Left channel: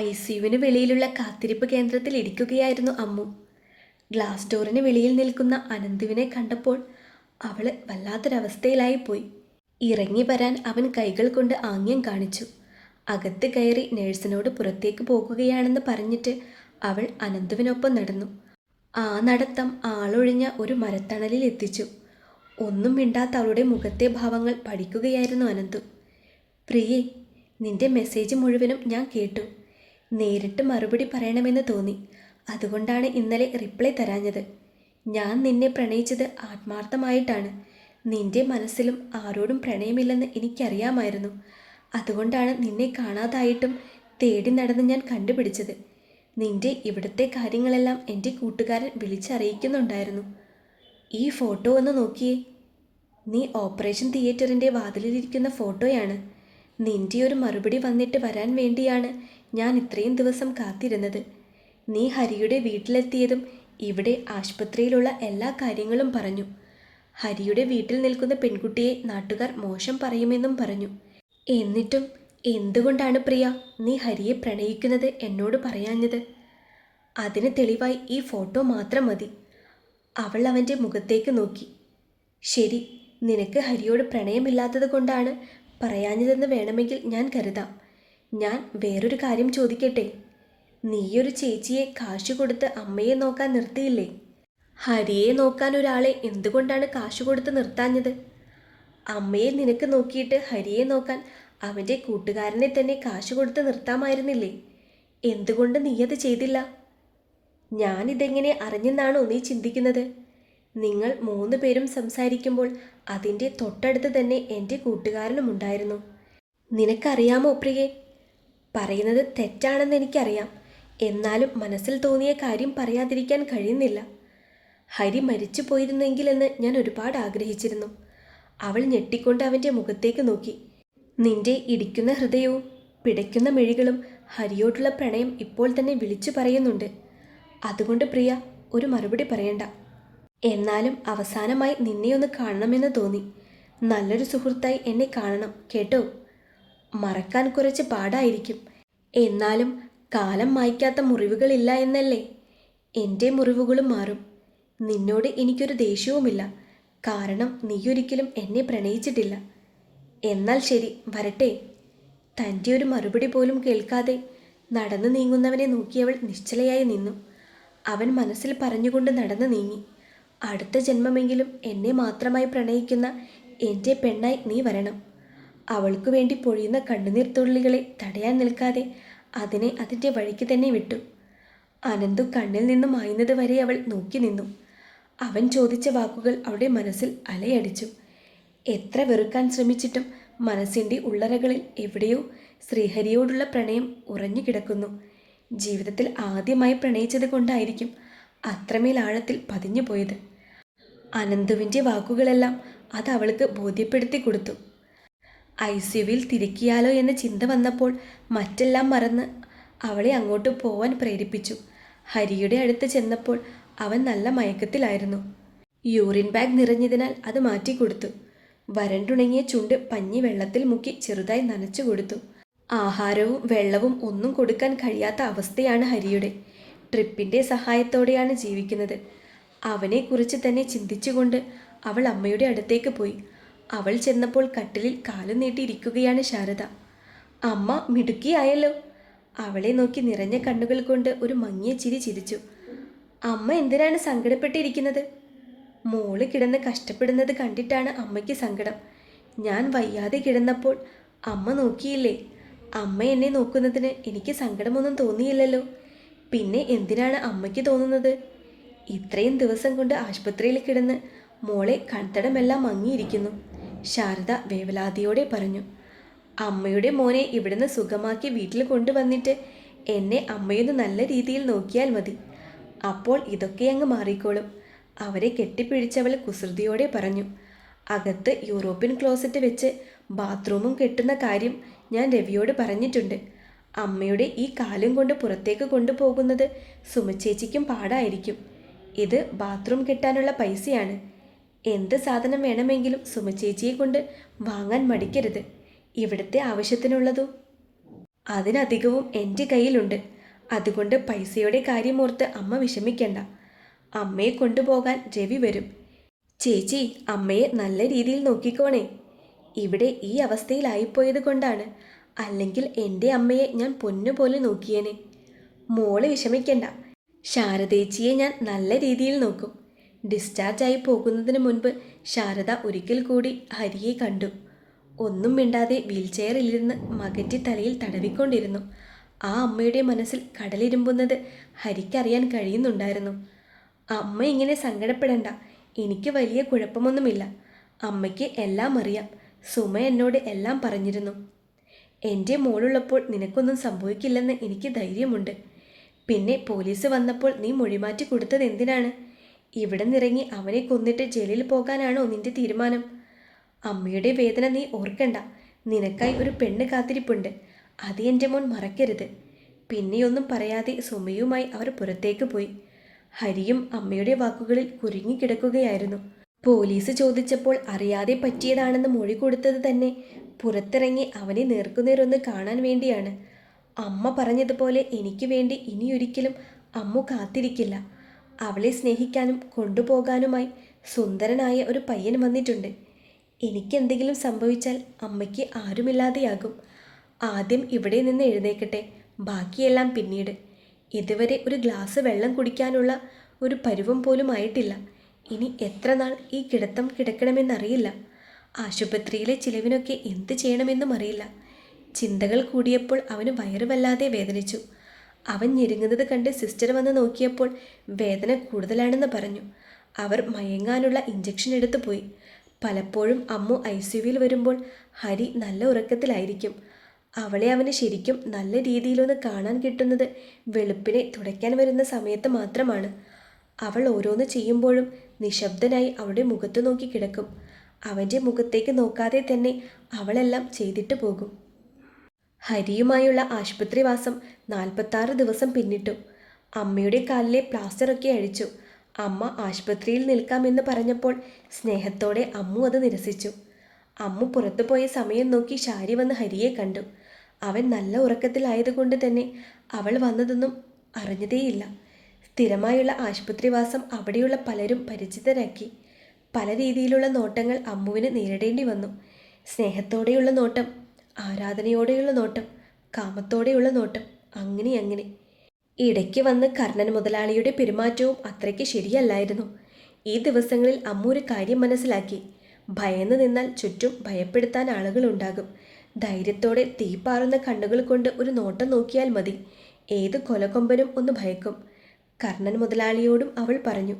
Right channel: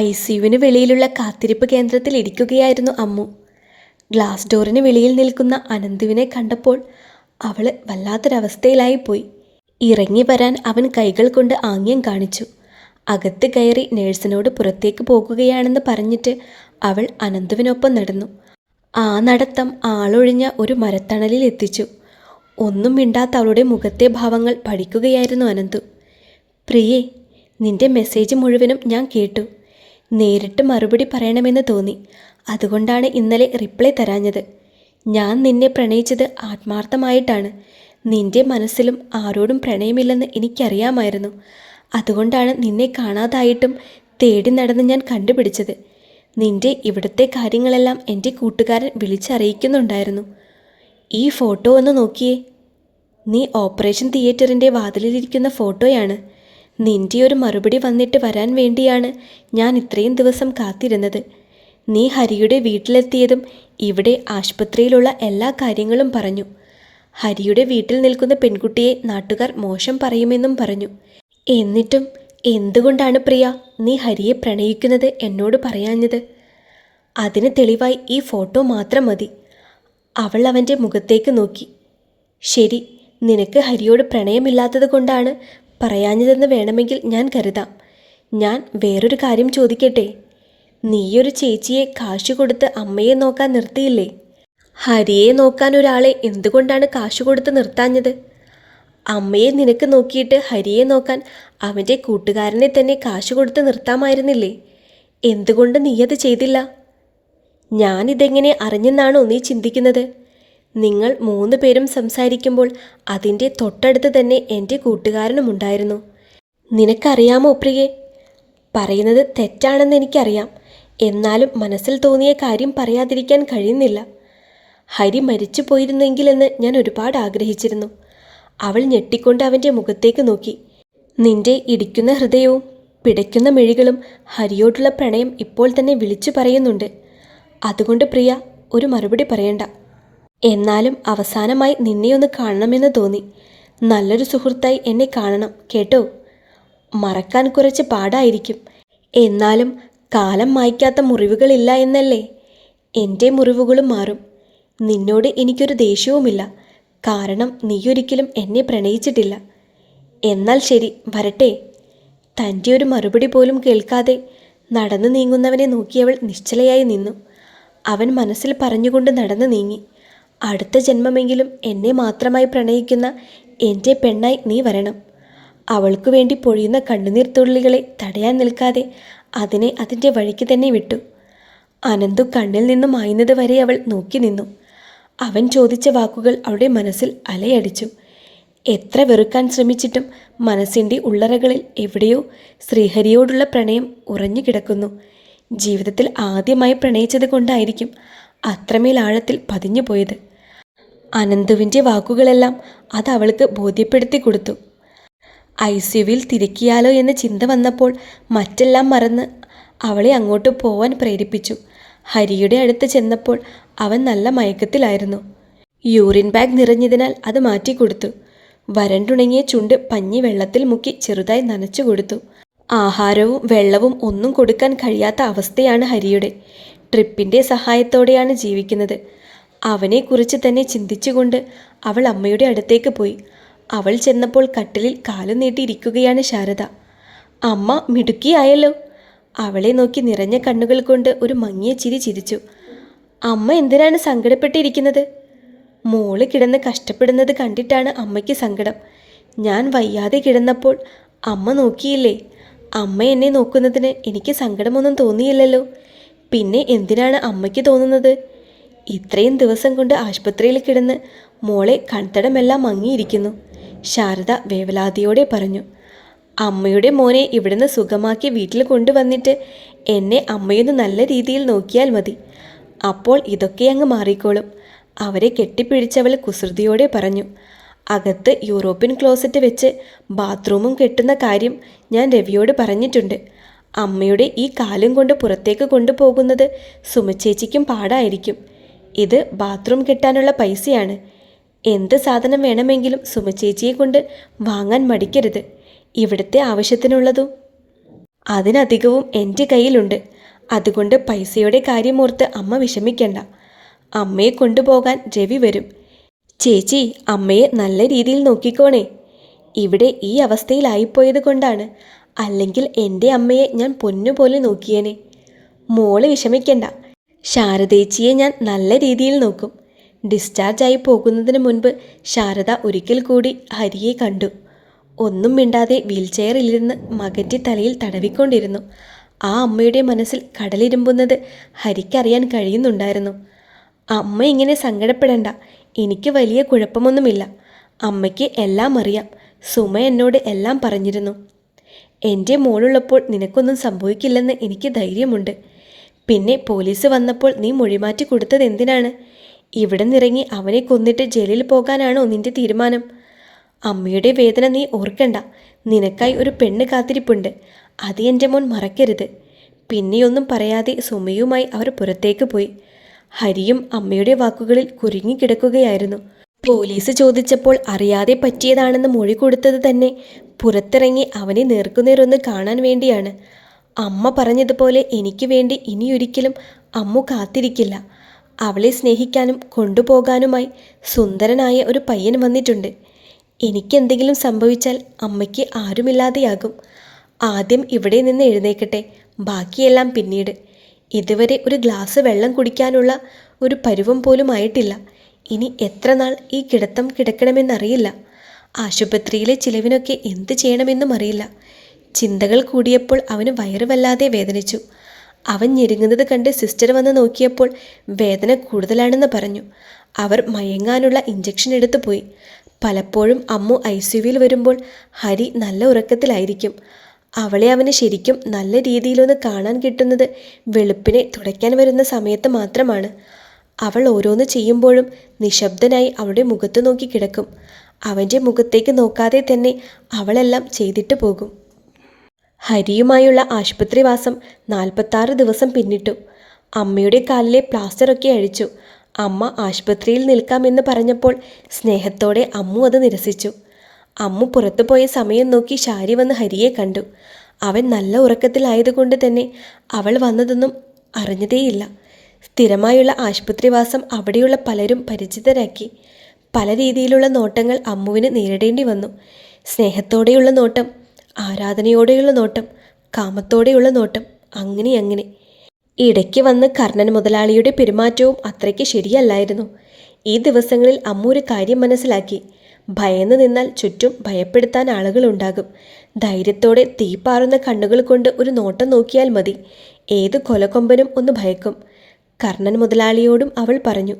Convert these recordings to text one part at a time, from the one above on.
ICUവിന് വെളിയിലുള്ള കാത്തിരിപ്പ് കേന്ദ്രത്തിൽ ഇരിക്കുകയായിരുന്നു അമ്മു. ഗ്ലാസ് ഡോറിന് വെളിയിൽ നിൽക്കുന്ന അനന്തുവിനെ കണ്ടപ്പോൾ അവൾ വല്ലാത്തൊരവസ്ഥയിലായിപ്പോയി. ഇറങ്ങി വരാൻ അവൻ കൈകൾ കൊണ്ട് ആംഗ്യം കാണിച്ചു. അകത്ത് കയറി നേഴ്സിനോട് പുറത്തേക്ക് പോകുകയാണെന്ന് പറഞ്ഞിട്ട് അവൾ അനന്തുവിനൊപ്പം നടന്നു. ആ നടത്തം ആളൊഴിഞ്ഞ ഒരു മരത്തണലിൽ എത്തിച്ചു. ഒന്നും മിണ്ടാത്ത അവളുടെ മുഖത്തെ ഭാവങ്ങൾ പഠിക്കുകയായിരുന്നു അനന്തു. പ്രിയേ, നിന്റെ മെസ്സേജ് മുഴുവനും ഞാൻ കേട്ടു. നേരിട്ട് മറുപടി പറയണമെന്ന് തോന്നി. അതുകൊണ്ടാണ് ഇന്നലെ റിപ്ലൈ തരാഞ്ഞത്. ഞാൻ നിന്നെ പ്രണയിച്ചത് ആത്മാർത്ഥമായിട്ടാണ്. നിന്റെ മനസ്സിലും ആരോടും പ്രണയമില്ലെന്ന് എനിക്കറിയാമായിരുന്നു. അതുകൊണ്ടാണ് നിന്നെ കാണാതായിട്ടും തേടി നടന്ന് ഞാൻ കണ്ടുപിടിച്ചത്. നിന്റെ ഇവിടുത്തെ കാര്യങ്ങളെല്ലാം എൻ്റെ കൂട്ടുകാരൻ വിളിച്ചറിയിക്കുന്നുണ്ടായിരുന്നു. ഈ ഫോട്ടോ ഒന്ന് നോക്കിയേ. നീ ഓപ്പറേഷൻ തിയേറ്ററിൻ്റെ വാതിലിലിരിക്കുന്ന ഫോട്ടോയാണ്. നിന്റെ ഒരു മറുപടി വന്നിട്ട് വരാൻ വേണ്ടിയാണ് ഞാൻ ഇത്രയും ദിവസം കാത്തിരുന്നത്. നീ ഹരിയുടെ വീട്ടിലെത്തിയതും ഇവിടെ ആശുപത്രിയിലുള്ള എല്ലാ കാര്യങ്ങളും പറഞ്ഞു. ഹരിയുടെ വീട്ടിൽ നിൽക്കുന്ന പെൺകുട്ടിയെ നാട്ടുകാർ മോശം പറയുമെന്നും പറഞ്ഞു. എന്നിട്ടും എന്തുകൊണ്ടാണ് പ്രിയ നീ ഹരിയെ പ്രണയിക്കുന്നത് എന്നോട് പറയാഞ്ഞത്? അതിന് തെളിവായി ഈ ഫോട്ടോ മാത്രം മതി. അവൾ അവൻ്റെ മുഖത്തേക്ക് നോക്കി. ശരി, നിനക്ക് ഹരിയോട് പ്രണയമില്ലാത്തത് കൊണ്ടാണ് പറയാഞ്ഞതെന്ന് വേണമെങ്കിൽ ഞാൻ കരുതാം. ഞാൻ വേറൊരു കാര്യം ചോദിക്കട്ടെ? നീയൊരു ചേച്ചിയെ കാശ് കൊടുത്ത് അമ്മയെ നോക്കാൻ നിർത്തിയില്ലേ? ഹരിയെ നോക്കാൻ ഒരാളെ എന്തുകൊണ്ടാണ് കാശ് കൊടുത്ത് നിർത്താഞ്ഞത്? അമ്മയെ നിനക്ക് നോക്കിയിട്ട് ഹരിയെ നോക്കാൻ അവൻ്റെ കൂട്ടുകാരനെ തന്നെ കാശ് കൊടുത്ത് നിർത്താമായിരുന്നില്ലേ? എന്തുകൊണ്ട് നീയത് ചെയ്തില്ല? ഞാനിതെങ്ങനെ അറിഞ്ഞെന്നാണോ നീ ചിന്തിക്കുന്നത്? നിങ്ങൾ 3 പേരും സംസാരിക്കുമ്പോൾ അതിൻ്റെ തൊട്ടടുത്ത് തന്നെ എൻ്റെ കൂട്ടുകാരനുമുണ്ടായിരുന്നു. നിനക്കറിയാമോ പ്രിയേ, പറയുന്നത് തെറ്റാണെന്ന് എനിക്കറിയാം. എന്നാലും മനസ്സിൽ തോന്നിയ കാര്യം പറയാതിരിക്കാൻ കഴിയുന്നില്ല. ഹരി മരിച്ചു പോയിരുന്നെങ്കിലെന്ന് ഞാൻ ഒരുപാട് ആഗ്രഹിച്ചിരുന്നു. അവൾ ഞെട്ടിക്കൊണ്ട് അവൻ്റെ മുഖത്തേക്ക് നോക്കി. നിന്റെ ഇടിക്കുന്ന ഹൃദയവും പിടയ്ക്കുന്ന മിഴികളും ഹരിയോടുള്ള പ്രണയം ഇപ്പോൾ തന്നെ വിളിച്ചു പറയുന്നുണ്ട്. അതുകൊണ്ട് പ്രിയ, ഒരു മറുപടി പറയണ്ട. എന്നാലും അവസാനമായി നിന്നെയൊന്ന് കാണണമെന്ന് തോന്നി. നല്ലൊരു സുഹൃത്തായി എന്നെ കാണണം കേട്ടോ. മറക്കാൻ കുറച്ച് പാടായിരിക്കും. എന്നാലും കാലം മായ്ക്കാത്ത മുറിവുകളില്ല എന്നല്ലേ? എൻ്റെ മുറിവുകളും മാറും. നിന്നോട് എനിക്കൊരു ദേഷ്യവുമില്ല. കാരണം നീയൊരിക്കലും എന്നെ പ്രണയിച്ചിട്ടില്ല. എന്നാൽ ശരി, വരട്ടെ. തൻ്റെ ഒരു മറുപടി പോലും കേൾക്കാതെ നടന്നു നീങ്ങുന്നവനെ നോക്കിയവൾ നിശ്ചലയായി നിന്നു. അവൻ മനസ്സിൽ പറഞ്ഞുകൊണ്ട് നടന്നു നീങ്ങി. അടുത്ത ജന്മമെങ്കിലും എന്നെ മാത്രമായി പ്രണയിക്കുന്ന എൻ്റെ പെണ്ണായി നീ വരണം. അവൾക്കു വേണ്ടി പൊഴിയുന്ന കണ്ണുനീർ തുള്ളികളെ തടയാൻ നിൽക്കാതെ അതിനെ അതിൻ്റെ വഴിക്ക് തന്നെ വിട്ടു. അനന്തു കണ്ണിൽ നിന്നും മായുന്നത് വരെ അവൾ നോക്കി നിന്നു. അവൻ ചോദിച്ച വാക്കുകൾ അവളുടെ മനസ്സിൽ അലയടിച്ചു. എത്ര വെറുക്കാൻ ശ്രമിച്ചിട്ടും മനസ്സിൻ്റെ ഉള്ളറകളിൽ എവിടെയോ ശ്രീഹരിയോടുള്ള പ്രണയം ഉറഞ്ഞു കിടക്കുന്നു. ജീവിതത്തിൽ ആദ്യമായി പ്രണയിച്ചത് കൊണ്ടായിരിക്കും അത്രമേൽ ആഴത്തിൽ പതിഞ്ഞു പോയത്. അനന്തുവിൻ്റെ വാക്കുകളെല്ലാം അത് അവൾക്ക് ബോധ്യപ്പെടുത്തി കൊടുത്തു. ICUവിൽ തിരക്കിയാലോ എന്ന ചിന്ത വന്നപ്പോൾ മറ്റെല്ലാം മറന്ന് അവളെ അങ്ങോട്ട് പോവാൻ പ്രേരിപ്പിച്ചു. ഹരിയുടെ അടുത്ത് ചെന്നപ്പോൾ അവൻ നല്ല മയക്കത്തിലായിരുന്നു. യൂറിൻ ബാഗ് നിറഞ്ഞതിനാൽ അത് മാറ്റിക്കൊടുത്തു. വരണ്ടുണങ്ങിയ ചുണ്ട് പഞ്ഞി വെള്ളത്തിൽ മുക്കി ചെറുതായി നനച്ചു കൊടുത്തു. ആഹാരവും വെള്ളവും ഒന്നും കൊടുക്കാൻ കഴിയാത്ത അവസ്ഥയാണ് ഹരിയുടെ. ട്രിപ്പിൻ്റെ സഹായത്തോടെയാണ് ജീവിക്കുന്നത്. അവനെക്കുറിച്ച് തന്നെ ചിന്തിച്ചുകൊണ്ട് അവൾ അമ്മയുടെ അടുത്തേക്ക് പോയി. അവൾ ചെന്നപ്പോൾ കട്ടിലിൽ കാലു നീട്ടിയിരിക്കുകയാണ് ശാരദ. അമ്മ മിടുക്കിയായല്ലോ. അവളെ നോക്കി നിറഞ്ഞ കണ്ണുകൾ കൊണ്ട് ഒരു മങ്ങിയ ചിരി ചിരിച്ചു. അമ്മ എന്തിനാണ് സങ്കടപ്പെട്ടിരിക്കുന്നത്? മോള് കിടന്ന് കഷ്ടപ്പെടുന്നത് കണ്ടിട്ടാണ് അമ്മയ്ക്ക് സങ്കടം. ഞാൻ വയ്യാതെ കിടന്നപ്പോൾ അമ്മ നോക്കിയില്ലേ? അമ്മ എന്നെ നോക്കുന്നതിന് എനിക്ക് സങ്കടമൊന്നും തോന്നിയില്ലല്ലോ. പിന്നെ എന്തിനാണ് അമ്മയ്ക്ക് തോന്നുന്നത്? ഇത്രയും ദിവസം കൊണ്ട് ആശുപത്രിയിൽ കിടന്ന് മോളെ കൺതടമെല്ലാം മങ്ങിയിരിക്കുന്നു, ശാരദ വേവലാതിയോടെ പറഞ്ഞു. അമ്മയുടെ മോനെ ഇവിടുന്ന് സുഖമാക്കി വീട്ടിൽ കൊണ്ടുവന്നിട്ട് എന്നെ അമ്മയൊന്ന് നല്ല രീതിയിൽ നോക്കിയാൽ മതി. അപ്പോൾ ഇതൊക്കെ അങ്ങ് മാറിക്കോളും. അവരെ കെട്ടിപ്പിടിച്ചവൾ കുസൃതിയോടെ പറഞ്ഞു. അകത്ത് യൂറോപ്യൻ ക്ലോസറ്റ് വെച്ച് ബാത്റൂമും കെട്ടുന്ന കാര്യം ഞാൻ രവിയോട് പറഞ്ഞിട്ടുണ്ട്. അമ്മയുടെ ഈ കാലും കൊണ്ട് പുറത്തേക്ക് കൊണ്ടുപോകുന്നത് സുമച്ചേച്ചിക്കും പാടായിരിക്കും. ഇത് ബാത്റൂം കെട്ടാനുള്ള പൈസയാണ്. എന്ത് സാധനം വേണമെങ്കിലും സുമച്ചേച്ചിയെ കൊണ്ട് വാങ്ങാൻ മടിക്കരുത്. ഇവിടുത്തെ ആവശ്യത്തിനുള്ളതും. അതിനധികവും എൻ്റെ കയ്യിലുണ്ട്. അതുകൊണ്ട് പൈസയുടെ കാര്യമോർത്ത് അമ്മ വിഷമിക്കണ്ട. അമ്മയെ കൊണ്ടുപോകാൻ രവി വരും. ചേച്ചി അമ്മയെ നല്ല രീതിയിൽ നോക്കിക്കോണേ. ഇവിടെ ഈ അവസ്ഥയിലായിപ്പോയത് കൊണ്ടാണ്. അല്ലെങ്കിൽ എൻ്റെ അമ്മയെ ഞാൻ പൊന്നുപോലെ നോക്കിയേനെ. മോള് വിഷമിക്കണ്ട. ശാരദേച്ചിയെ ഞാൻ നല്ല രീതിയിൽ നോക്കും. ഡിസ്ചാർജായി പോകുന്നതിന് മുൻപ് ശാരദ ഒരിക്കൽ കൂടി ഹരിയെ കണ്ടു. ഒന്നും മിണ്ടാതെ വീൽചെയറിലിരുന്ന് മകൻ്റെ തലയിൽ തടവിക്കൊണ്ടിരുന്നു. ആ അമ്മയുടെ മനസ്സിൽ കടലിരുമ്പുന്നത് ഹരിക്കറിയാൻ കഴിയുന്നുണ്ടായിരുന്നു. അമ്മ ഇങ്ങനെ സങ്കടപ്പെടേണ്ട. എനിക്ക് വലിയ കുഴപ്പമൊന്നുമില്ല. അമ്മയ്ക്ക് എല്ലാം അറിയാം. സുമ എന്നോട് എല്ലാം പറഞ്ഞിരുന്നു. എൻ്റെ മോളുള്ളപ്പോൾ നിനക്കൊന്നും സംഭവിക്കില്ലെന്ന് എനിക്ക് ധൈര്യമുണ്ട്. പിന്നെ പോലീസ് വന്നപ്പോൾ നീ മൊഴിമാറ്റി കൊടുത്തത് എന്തിനാണ്? ഇവിടെ നിന്നിറങ്ങി അവനെ കൊന്നിട്ട് ജയിലിൽ പോകാനാണോ നിന്റെ തീരുമാനം? അമ്മയുടെ വേദന നീ ഓർക്കണ്ട. നിനക്കായി ഒരു പെണ്ണ് കാത്തിരിപ്പുണ്ട്. അത് എൻ്റെ മോൻ മറക്കരുത്. പിന്നെയൊന്നും പറയാതെ സുമയുമായി അവർ പുറത്തേക്ക് പോയി. ഹരിയും അമ്മയുടെ വാക്കുകളിൽ കുരുങ്ങിക്കിടക്കുകയായിരുന്നു. പോലീസ് ചോദിച്ചപ്പോൾ അറിയാതെ പറ്റിയതാണെന്ന് മൊഴി കൊടുത്തത് തന്നെ പുറത്തിറങ്ങി അവനെ നേർക്കുനേരൊന്ന് കാണാൻ വേണ്ടിയാണ്. അമ്മ പറഞ്ഞതുപോലെ എനിക്ക് വേണ്ടി ഇനിയൊരിക്കലും അമ്മു കാത്തിരിക്കില്ല. അവളെ സ്നേഹിക്കാനും കൊണ്ടുപോകാനുമായി സുന്ദരനായ ഒരു പയ്യൻ വന്നിട്ടുണ്ട്. എനിക്കെന്തെങ്കിലും സംഭവിച്ചാൽ അമ്മയ്ക്ക് ആരുമില്ലാതെയാകും. ആദ്യം ഇവിടെ നിന്ന് എഴുന്നേക്കട്ടെ, ബാക്കിയെല്ലാം പിന്നീട്. ഇതുവരെ ഒരു ഗ്ലാസ് വെള്ളം കുടിക്കാനുള്ള ഒരു പരുവം പോലും ആയിട്ടില്ല. ഇനി എത്ര നാൾ ഈ കിടത്തം കിടക്കണമെന്നറിയില്ല. ആശുപത്രിയിലെ ചിലവിനൊക്കെ എന്ത് ചെയ്യണമെന്നും അറിയില്ല. ചിന്തകൾ കൂടിയപ്പോൾ അവന് വയറ് വല്ലാതെ വേദനിച്ചു. അവൻ ഞെരുങ്ങുന്നത് കണ്ട് സിസ്റ്റർ വന്ന് നോക്കിയപ്പോൾ വേദന കൂടുതലാണെന്ന് പറഞ്ഞു. അവർ മയങ്ങാനുള്ള ഇഞ്ചക്ഷൻ എടുത്തു പോയി. പലപ്പോഴും അമ്മു ICUവിൽ വരുമ്പോൾ ഹരി നല്ല ഉറക്കത്തിലായിരിക്കും. അവളെ അവന് ശരിക്കും നല്ല രീതിയിലൊന്ന് കാണാൻ കിട്ടുന്നത് വെളുപ്പിനെ തുടയ്ക്കാൻ വരുന്ന സമയത്ത് മാത്രമാണ്. അവൾ ഓരോന്ന് ചെയ്യുമ്പോഴും നിശബ്ദനായി അവളുടെ മുഖത്ത് നോക്കി കിടക്കും. അവൻ്റെ മുഖത്തേക്ക് നോക്കാതെ തന്നെ അവളെല്ലാം ചെയ്തിട്ട് പോകും. ഹരിയുമായുള്ള ആശുപത്രിവാസം 46 ദിവസം പിന്നിട്ടു. അമ്മയുടെ കാലിലെ പ്ലാസ്റ്ററൊക്കെ അഴിച്ചു. അമ്മ ആശുപത്രിയിൽ നിൽക്കാമെന്ന് പറഞ്ഞപ്പോൾ സ്നേഹത്തോടെ അമ്മു അത് നിരസിച്ചു. അമ്മു പുറത്തു പോയ സമയം നോക്കി ശാരി വന്ന് ഹരിയെ കണ്ടു. അവൻ നല്ല ഉറക്കത്തിലായതുകൊണ്ട് തന്നെ അവൾ വന്നതൊന്നും അറിഞ്ഞതേയില്ല. സ്ഥിരമായുള്ള ആശുപത്രിവാസം അവിടെയുള്ള പലരും പരിചിതരാക്കി. പല രീതിയിലുള്ള നോട്ടങ്ങൾ അമ്മുവിന് നേരിടേണ്ടി വന്നു. സ്നേഹത്തോടെയുള്ള നോട്ടം, ആരാധനയോടെയുള്ള നോട്ടം, കാമത്തോടെയുള്ള നോട്ടം, അങ്ങനെ. ഇടയ്ക്ക് വന്ന് കർണൻ മുതലാളിയുടെ പെരുമാറ്റവും അത്രയ്ക്ക് ശരിയല്ലായിരുന്നു. ഈ ദിവസങ്ങളിൽ അമ്മു ഒരു കാര്യം മനസ്സിലാക്കി. ഭയന്ന് നിന്നാൽ ചുറ്റും ഭയപ്പെടുത്താൻ ആളുകളുണ്ടാകും. ധൈര്യത്തോടെ തീപ്പാറുന്ന കണ്ണുകൾ കൊണ്ട് ഒരു നോട്ടം നോക്കിയാൽ മതി. ഏത് കൊലക്കൊമ്പനും ഒന്ന് ഭയക്കും. കർണൻ മുതലാളിയോടും അവൾ പറഞ്ഞു.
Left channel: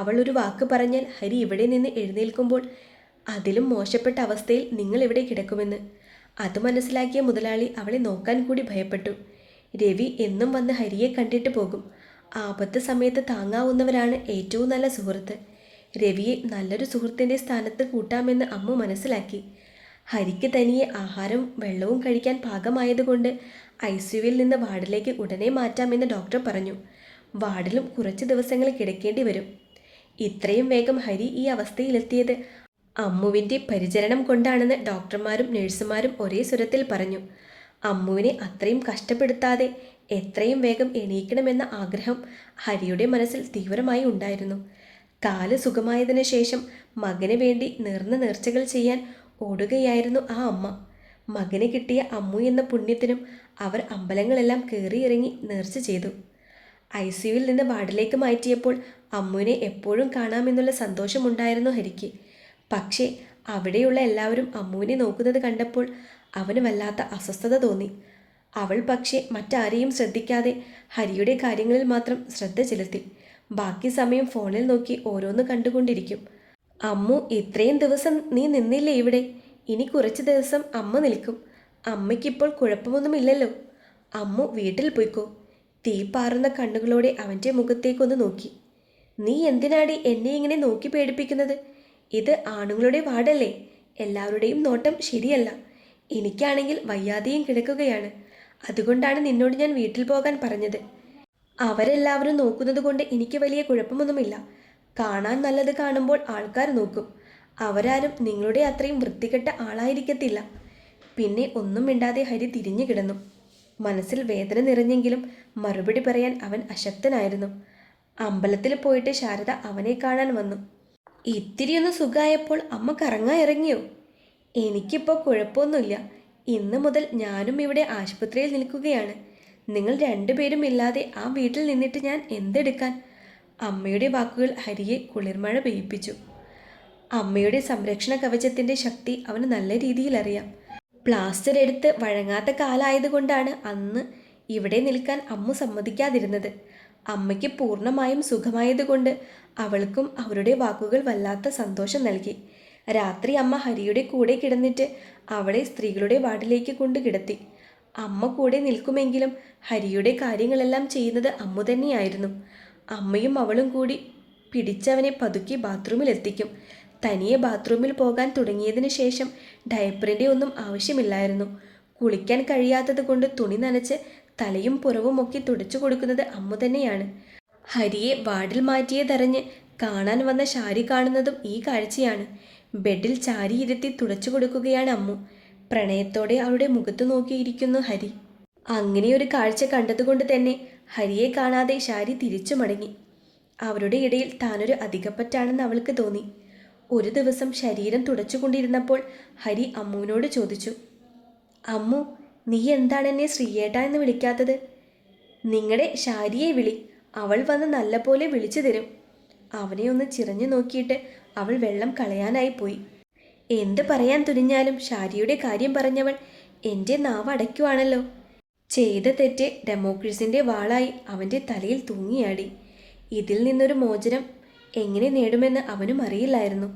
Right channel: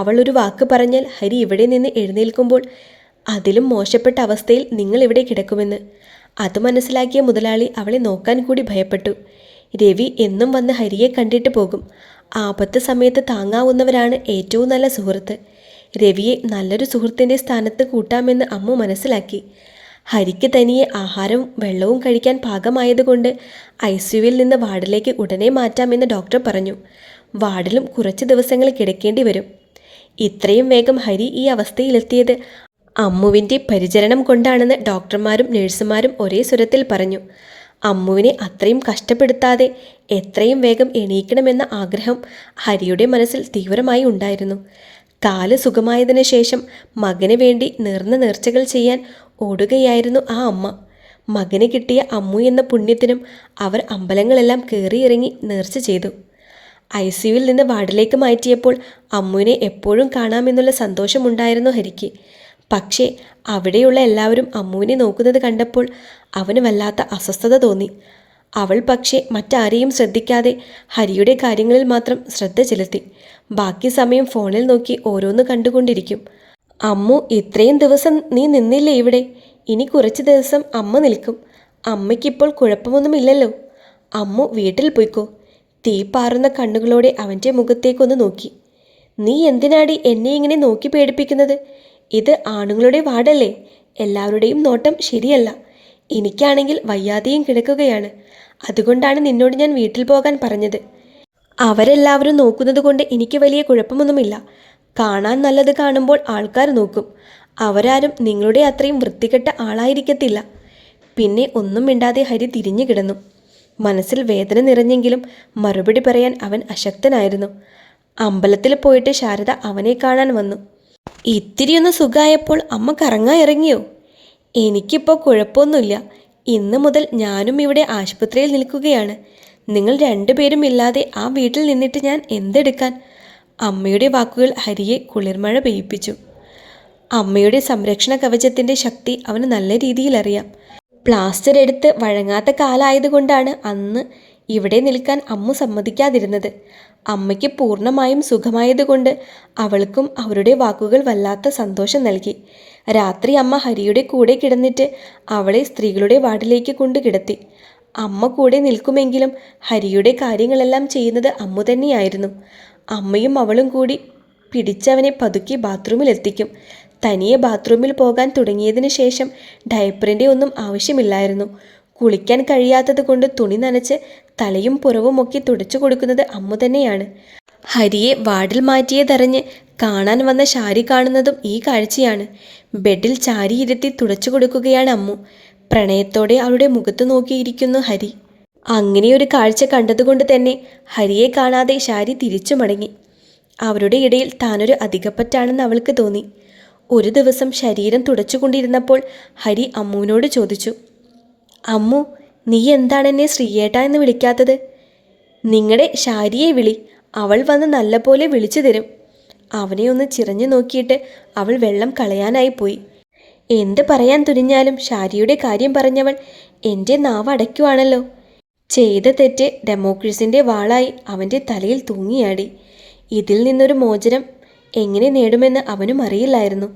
അവൾ ഒരു വാക്ക് പറഞ്ഞാൽ ഹരി ഇവിടെ നിന്ന് എഴുന്നേൽക്കുമ്പോൾ അതിലും മോശപ്പെട്ട അവസ്ഥയിൽ നിങ്ങൾ ഇവിടെ കിടക്കുമെന്ന്. അത് മനസ്സിലാക്കിയ മുതലാളി അവളെ നോക്കാൻ കൂടി ഭയപ്പെട്ടു. രവി എന്നും വന്ന് ഹരിയെ കണ്ടിട്ട് പോകും. ആപത്ത് സമയത്ത് താങ്ങാവുന്നവരാണ് ഏറ്റവും നല്ല സുഹൃത്ത്. രവിയെ നല്ലൊരു സുഹൃത്തിൻ്റെ സ്ഥാനത്ത് കൂട്ടാമെന്ന് അമ്മു മനസ്സിലാക്കി. ഹരിക്ക് തനിയെ ആഹാരവും വെള്ളവും കഴിക്കാൻ പാകമായതുകൊണ്ട് ICUവിൽ നിന്ന് വാർഡിലേക്ക് ഉടനെ മാറ്റാമെന്ന് ഡോക്ടർ പറഞ്ഞു. വാർഡിലും കുറച്ച് ദിവസങ്ങൾ കിടക്കേണ്ടി വരും. ഇത്രയും വേഗം ഹരി ഈ അവസ്ഥയിലെത്തിയത് അമ്മുവിൻ്റെ പരിചരണം കൊണ്ടാണെന്ന് ഡോക്ടർമാരും നഴ്സുമാരും ഒരേ സ്വരത്തിൽ പറഞ്ഞു. അമ്മുവിനെ അത്രയും കഷ്ടപ്പെടുത്താതെ എത്രയും വേഗം എണീക്കണമെന്ന ആഗ്രഹം ഹരിയുടെ മനസ്സിൽ തീവ്രമായി ഉണ്ടായിരുന്നു. കാല് സുഖമായതിനു ശേഷം മകന് വേണ്ടി നേർന്ന നേർച്ചകൾ ചെയ്യാൻ ഓടുകയായിരുന്നു ആ അമ്മ. മകന് കിട്ടിയ അമ്മു എന്ന പുണ്യത്തിനും അവർ അമ്പലങ്ങളെല്ലാം കയറിയിറങ്ങി നേർച്ച ചെയ്തു. ICUവിൽ നിന്ന് വാർഡിലേക്ക് മാറ്റിയപ്പോൾ അമ്മുവിനെ എപ്പോഴും കാണാമെന്നുള്ള സന്തോഷമുണ്ടായിരുന്നു ഹരിക്ക്. പക്ഷേ അവിടെയുള്ള എല്ലാവരും അമ്മുവിനെ നോക്കുന്നത് കണ്ടപ്പോൾ അവന് വല്ലാത്ത അസ്വസ്ഥത തോന്നി. അവൾ പക്ഷേ മറ്റാരെയും ശ്രദ്ധിക്കാതെ ഹരിയുടെ കാര്യങ്ങളിൽ മാത്രം ശ്രദ്ധ ചെലുത്തി. ബാക്കി സമയം ഫോണിൽ നോക്കി ഓരോന്ന് കണ്ടുകൊണ്ടിരിക്കും. അമ്മു, ഇത്രയും ദിവസം നീ നിന്നില്ലേ ഇവിടെ? ഇനി കുറച്ച് ദിവസം അമ്മ നിൽക്കും. അമ്മയ്ക്കിപ്പോൾ കുഴപ്പമൊന്നുമില്ലല്ലോ. അമ്മു വീട്ടിൽ പോയിക്കോ. തീപ്പാറുന്ന കണ്ണുകളോടെ അവൻ്റെ മുഖത്തേക്കൊന്ന് നോക്കി. നീ എന്തിനാടി എന്നെ ഇങ്ങനെ നോക്കി പേടിപ്പിക്കുന്നത്? ഇത് ആണുങ്ങളുടെ വാർഡല്ലേ? എല്ലാവരുടെയും നോട്ടം ശരിയല്ല. എനിക്കാണെങ്കിൽ വയ്യാതെയും കിടക്കുകയാണ്. അതുകൊണ്ടാണ് നിന്നോട് ഞാൻ വീട്ടിൽ പോകാൻ പറഞ്ഞത്. അവരെല്ലാവരും നോക്കുന്നത് കൊണ്ട് എനിക്ക് വലിയ കുഴപ്പമൊന്നുമില്ല. കാണാൻ നല്ലത് കാണുമ്പോൾ ആൾക്കാർ നോക്കും. അവരാരും നിങ്ങളുടെ അത്രയും വൃത്തികെട്ട ആളായിരിക്കത്തില്ല. പിന്നെ ഒന്നും മിണ്ടാതെ ഹരി തിരിഞ്ഞു കിടന്നു. മനസ്സിൽ വേദന നിറഞ്ഞെങ്കിലും മറുപടി പറയാൻ അവൻ അശക്തനായിരുന്നു. അമ്പലത്തിൽ പോയിട്ട് ശാരദ അവനെ കാണാൻ വന്നു. ഇത്തിരിയൊന്ന് സുഖമായപ്പോൾ അമ്മ കറങ്ങാൻ ഇറങ്ങിയോ? എനിക്കിപ്പോൾ കുഴപ്പമൊന്നുമില്ല. ഇന്ന് മുതൽ ഞാനും ഇവിടെ ആശുപത്രിയിൽ നിൽക്കുകയാണ്. നിങ്ങൾ രണ്ടുപേരും ഇല്ലാതെ ആ വീട്ടിൽ നിന്നിട്ട് ഞാൻ എന്തെടുക്കാൻ? അമ്മയുടെ വാക്കുകൾ ഹരിയെ കുളിർമഴ പെയ്യിപ്പിച്ചു. അമ്മയുടെ സംരക്ഷണ കവചത്തിൻ്റെ ശക്തി അവന് നല്ല രീതിയിൽ അറിയാം. പ്ലാസ്റ്റർ എടുത്ത് വഴങ്ങാത്ത കാലായതുകൊണ്ടാണ് അന്ന് ഇവിടെ നിൽക്കാൻ അമ്മ സമ്മതിക്കാതിരുന്നത്. അമ്മയ്ക്ക് പൂർണ്ണമായും സുഖമായതുകൊണ്ട് അവൾക്കും അവരുടെ വാക്കുകൾ വല്ലാത്ത സന്തോഷം നൽകി. രാത്രി അമ്മ ഹരിയുടെ കൂടെ കിടന്നിട്ട് അവളെ സ്ത്രീകളുടെ വാർഡിലേക്ക് കൊണ്ട് കിടത്തി. അമ്മ കൂടെ നിൽക്കുമെങ്കിലും ഹരിയുടെ കാര്യങ്ങളെല്ലാം ചെയ്യുന്നത് അമ്മ തന്നെയായിരുന്നു. അമ്മയും അവളും കൂടി പിടിച്ചവനെ പതുക്കി ബാത്റൂമിലെത്തിക്കും. തനിയെ ബാത്റൂമിൽ പോകാൻ തുടങ്ങിയതിന് ശേഷം ഡയപ്പറിൻ്റെ ഒന്നും ആവശ്യമില്ലായിരുന്നു. കുളിക്കാൻ കഴിയാത്തത് കൊണ്ട് തുണി നനച്ച് തലയും പുറവുമൊക്കെ തുടച്ചു കൊടുക്കുന്നത് അമ്മ തന്നെയാണ്. ഹരിയെ വാർഡിൽ മാറ്റിയതറിഞ്ഞ് കാണാൻ വന്ന ശാരി കാണുന്നതും ഈ കാഴ്ചയാണ്. ബെഡിൽ ചാരിയിരുത്തി തുടച്ചു കൊടുക്കുകയാണ് അമ്മു. പ്രണയത്തോടെ അവളുടെ മുഖത്ത് നോക്കിയിരിക്കുന്നു ഹരി. അങ്ങനെയൊരു കാഴ്ച കണ്ടതുകൊണ്ട് തന്നെ ഹരിയെ കാണാതെ ശാരി തിരിച്ചു മടങ്ങി. അവരുടെ ഇടയിൽ താനൊരു അധികപ്പറ്റാണെന്ന് അവൾക്ക് തോന്നി. ഒരു ദിവസം ശരീരം തുടച്ചുകൊണ്ടിരുന്നപ്പോൾ ഹരി അമ്മുവിനോട് ചോദിച്ചു, അമ്മു, നീ എന്താണ് എന്നെ ശ്രീയേട്ട എന്ന് വിളിക്കാത്തത്? നിങ്ങളുടെ ശാരിയെ വിളി, അവൾ വന്ന് നല്ലപോലെ വിളിച്ചു തരും. അവനെ ഒന്ന് ചിറഞ്ഞു നോക്കിയിട്ട് അവൾ വെള്ളം കളയാനായി പോയി. എന്ത് പറയാൻ തുനിഞ്ഞാലും ശാരിയുടെ കാര്യം പറഞ്ഞവൾ എൻ്റെ നാവ് അടയ്ക്കുവാണല്ലോ. ചെയ്ത തെറ്റ് ഡെമോക്രസിൻ്റെ വാളായി അവൻ്റെ തലയിൽ തൂങ്ങിയാടി. ഇതിൽ നിന്നൊരു മോചനം എങ്ങനെ നേടുമെന്ന് അവനും അറിയില്ലായിരുന്നു.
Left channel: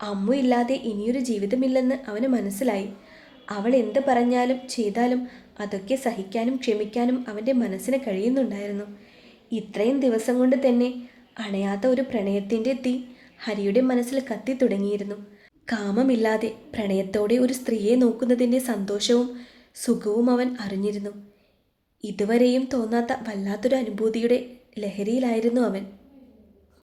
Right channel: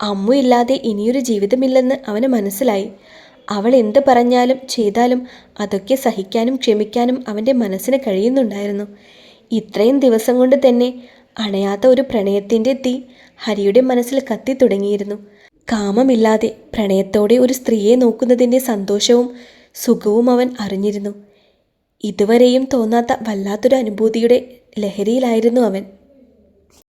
അമ്മു ഇല്ലാതെ ഇനിയൊരു ജീവിതമില്ലെന്ന് അവന് മനസ്സിലായി. അവൾ എന്ത് പറഞ്ഞാലും ചെയ്താലും അതൊക്കെ സഹിക്കാനും ക്ഷമിക്കാനും അവൻ്റെ മനസ്സിന് കഴിയുന്നുണ്ടായിരുന്നു. ഇത്രയും ദിവസം കൊണ്ട് തന്നെ അണയാത്ത ഒരു പ്രണയത്തിൻ്റെ തീ ഹരിയുടെ മനസ്സിൽ കത്തി തുടങ്ങിയിരുന്നു. കാമമില്ലാതെ പ്രണയത്തോടെ ഒരു സ്ത്രീയെ നോക്കുന്നതിൻ്റെ സന്തോഷവും സുഖവും അവൻ അറിഞ്ഞിരുന്നു. ഇതുവരെയും തോന്നാത്ത വല്ലാത്തൊരു അനുഭൂതിയുടെ ലഹരിയിലായിരുന്നു അവൻ.